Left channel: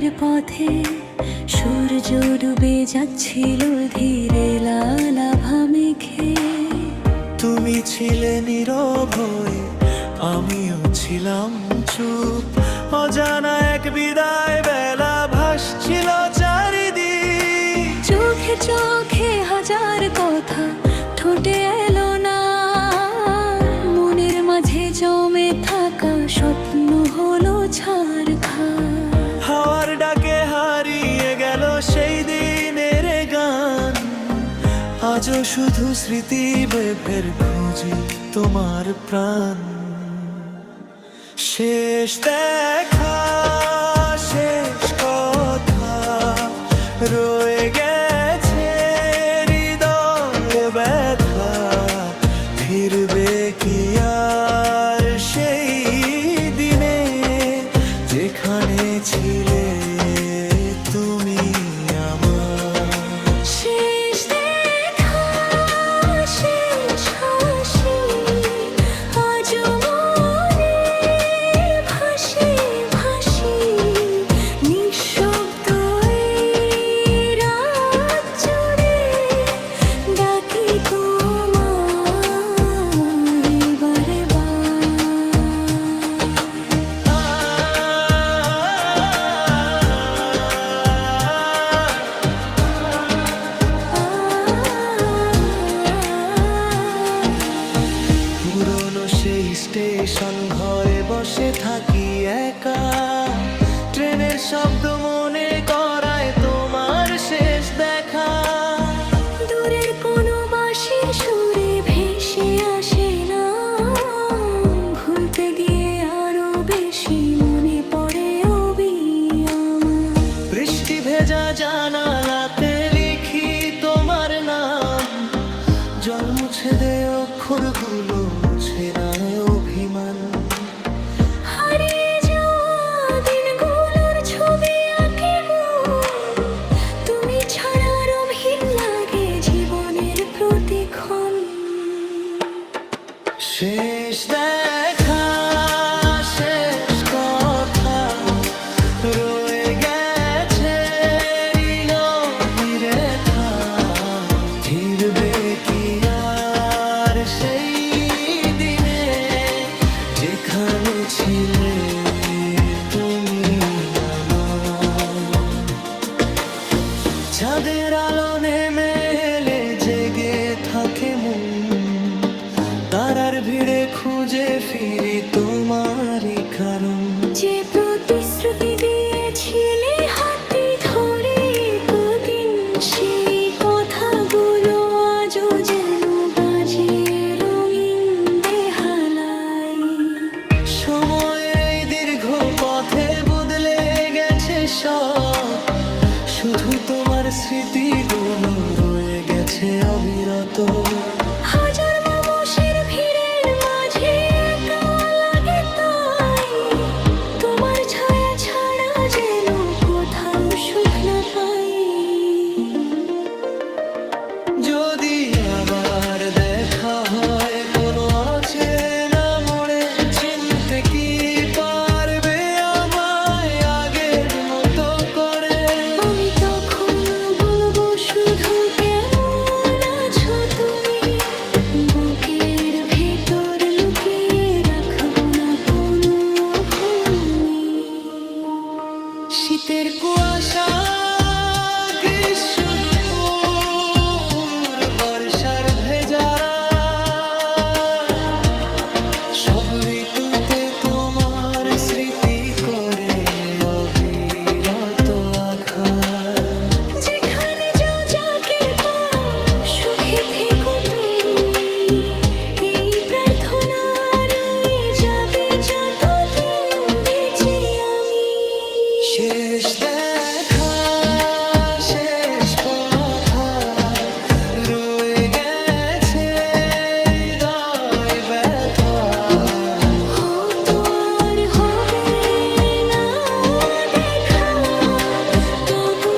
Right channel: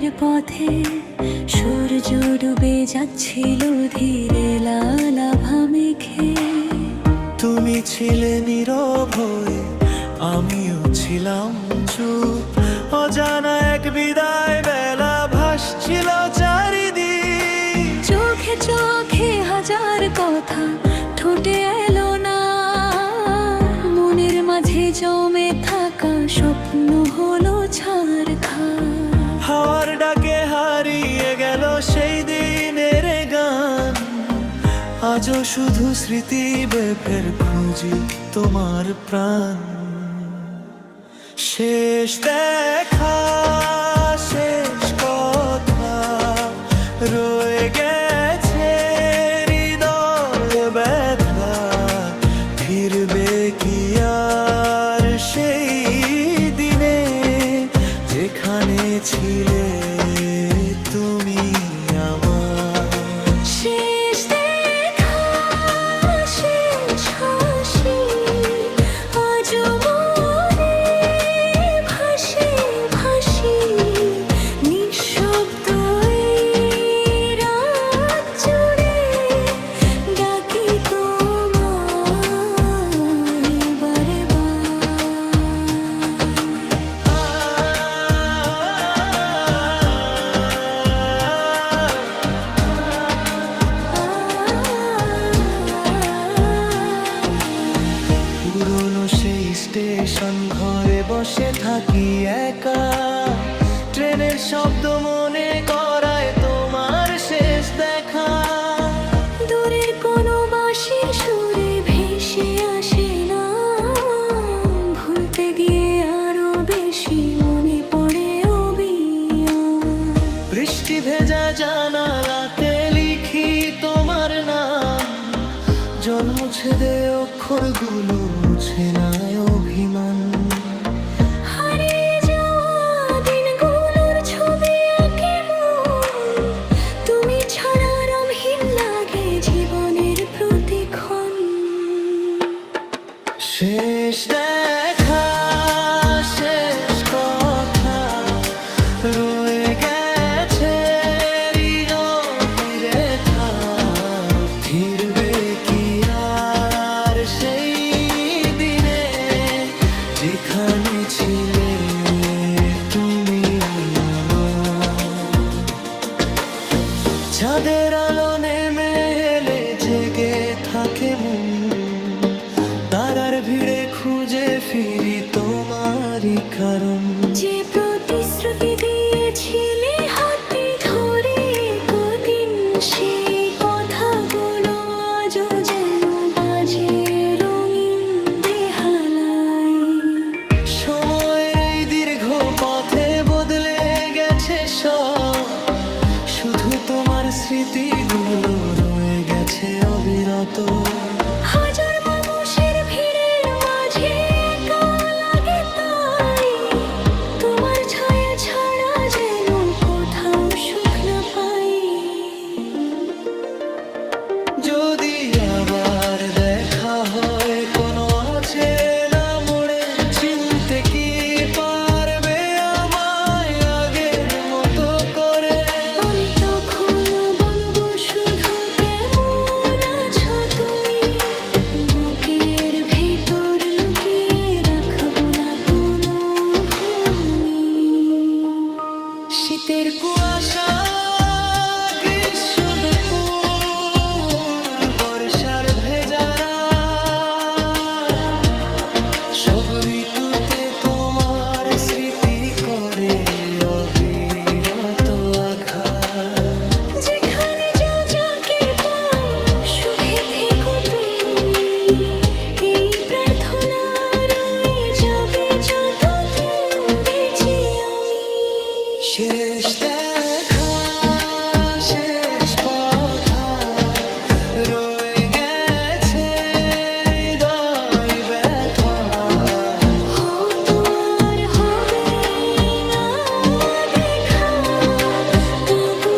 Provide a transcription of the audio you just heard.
ফেরার পথে সূর্য ডুবে যাচ্ছিল ধীরে লাল আভা মেঘে। তুমি ছিলে নীরব হয়ে, আমিও ছিলাম চুপ। অজানা এক বিদায় বেলা ভাসছিল চারিদিক। চোখে চোখে হাজার কথা ঠোঁটে এলো না, মনের মাঝে জমে থাকা স্বপ্ন হলো ছারখার। হাওয়ার ডাকে হারিয়ে গেল সেই দিনের গান। আজও শুধু স্মৃতি বেফের খুঁজি তোমার প্রাণ। শেষ দেখা, শেষ কথা রয়ে গেছে হৃদয় ব্যথা। ফিরবে কি আর সেই দিনে যেখানে ছিলে তুমি আমার? শেষ দেখা, শেষ হাসি আজও মনে ভাসে ভাসি। নিঃশব্দ এই রাত জুড়ে ডাকি তোমায় বারে পুরনো সেই স্টেশন ঘরে বসে থাকি একা। ট্রেনের শব্দ মনে করায় তোমার শেষ দেখা। দূরের কোনো বাঁশির সুরে ভেসে আসে না, ভুলতে গিয়ে আরো বেশি মনে পড়ে আমার। বৃষ্টি ভেজা জানালাতে লিখি তোমার নাম। জল মুছে দে অক্ষরগুলো, মুছে না অভিমান। হারিয়ে যাওয়া দিনগুলোর ছবি আঁকে মন, তুমি ছাড়া রঙহীন লাগে জীবনের প্রতিক্ষণ। শেষ দেখা, শেষ কথা রয়ে গেছে নীরবে থা। ফিরবে কি আর সেই দিনে যেখানে ছিলে তুমি আমার? চাঁদের আলো নেমে এলে জেগে থাকে মন। তারার ভিড়ে খুঁজে ফিরি তোমারই কারণ। যে প্রতিশ্রুতি দিয়েছিলে হাতে ধরে কদিন, সেই কথাগুলো আজও যেন বাজে রঙিন বেহালায়। সময়ের এই দীর্ঘ পথে বদলে গেছে সব, শুধু তোমার স্মৃতিগুলো রয়ে গেছে অবিরত। হাজার মানুষের ভিড়ের মাঝে একা লাগে তাই, তোমার ছায়া ছাড়া যেন কোথাও সুখ না পাই। যদি আবার দেখা হয় কোনো অচেনা মোড়ে, চিনতে কি পারবে আমায় আগের মতো করে? আমি তখন বলবো শুধু কেমন আছো তুমি, বুকের ভেতর লুকিয়ে রাখবো না কোনো ভূমি। শীতের কুয়াশা, গ্রীষ্ম দুপুর, বর্ষার ভেজারা, সব ঋতুতে তোমার স্মৃতি করে অবিরত আঘাত। যেখানে যাও যাকে পাও সুখে থেকো তুমি, এই প্রার্থনা রয়ে যাবে যতদিন বেঁচে আমি। শেষ দেখা, শেষ কথা রয়ে গেছে হৃদয় ব্যথা। হয়তো আর হবে না দেখা, তবু